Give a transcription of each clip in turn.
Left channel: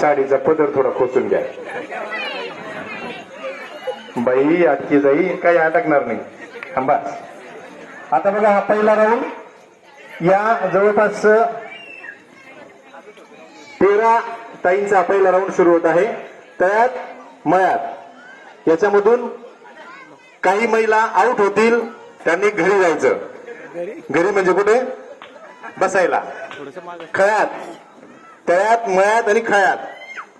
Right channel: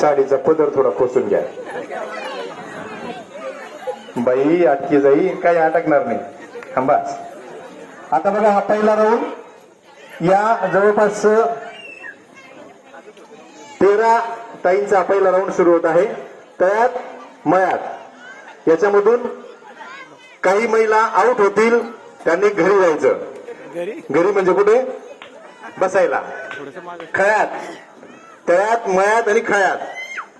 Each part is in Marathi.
साडीचा पदर थोडा खोचून घ्या. बाई अटकी जाई, काही अटकणार नाही. थांबा. आता बघा हा पहिला राऊंड या जवळपास 13 ताईंचा पहिला राऊंड सुरू होत आहे. त्यात मयात याच्यामधून काही महिला आउट होतील, त्यांनी घरी जायचं. घरी म्हणजे कुठे बसायला. खयात, तळ्यात, मयात आणि खयात.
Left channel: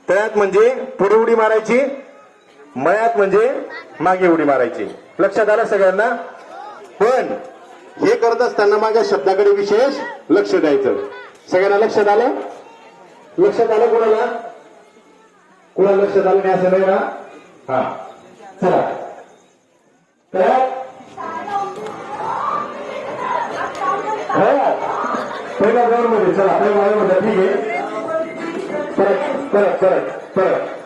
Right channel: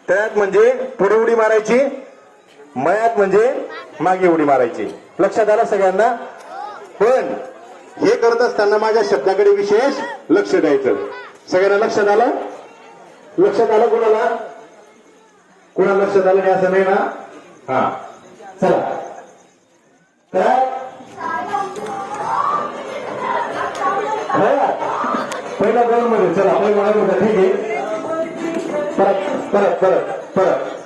तळ्यात म्हणजे पुढे उडी मारायची, मयात म्हणजे मागे उडी मारायची. लक्षात आलं सगळ्यांना. पण हे करत असताना माझ्या शब्दाकडे विशेष लक्ष द्यायचं. सगळ्यांना लक्षात आलं? लक्षात आलं कोणाला? कोणाला लक्षात आलं काय असं नाही ना? हा चला. तळ्यात पहिल्या राऊंड मध्ये चला आपल्या गावामध्ये ठीक आहे. परत परत परत परत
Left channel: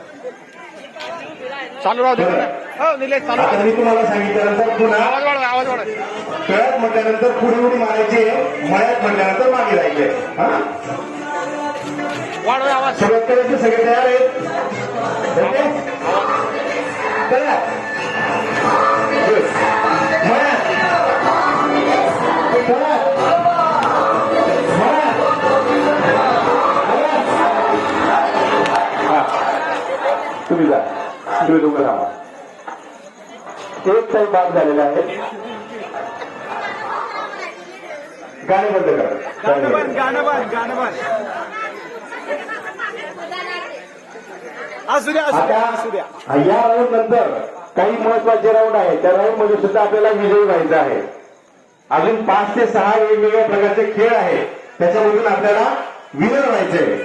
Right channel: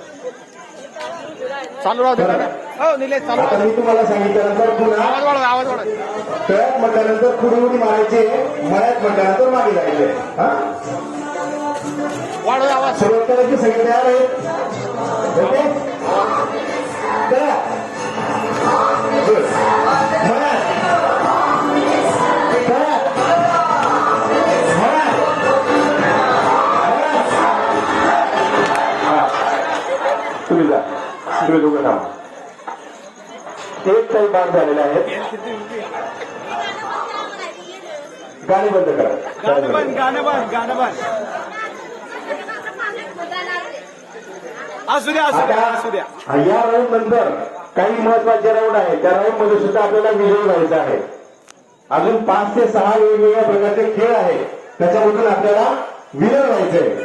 चालू राहू दे हो निलेश चालू. आता मी तुम्हाला सांगितल्यानंतर पुन्हा आवाज वाढवा आवाज वाढवा. तळ्यात म्हटल्यानंतर पुढे उडी मारायची, मळ्यात म्हटल्यानंतर मागे जायचे. हा वाढवा आवाज. सुरुवात करायची. सगळे तयार आहेत? तळ्यात तुम्ही जा, तुम्ही दोघं राहा. एक काही बाद झालेले आहेत. गाणे बंद करा. गाणं बंद. असू द्या. या राऊंड नंतर काही महत्वाचे राऊंड आहेत. त्या राऊंड मध्ये सुद्धा आपल्याला विजयी व्हायचं आहे. अजून 5 ते 6 वेगवेगळ्या प्रकारचे खेळ आहेत, त्याच्यामधून आपल्याला विनर व्हायचंय.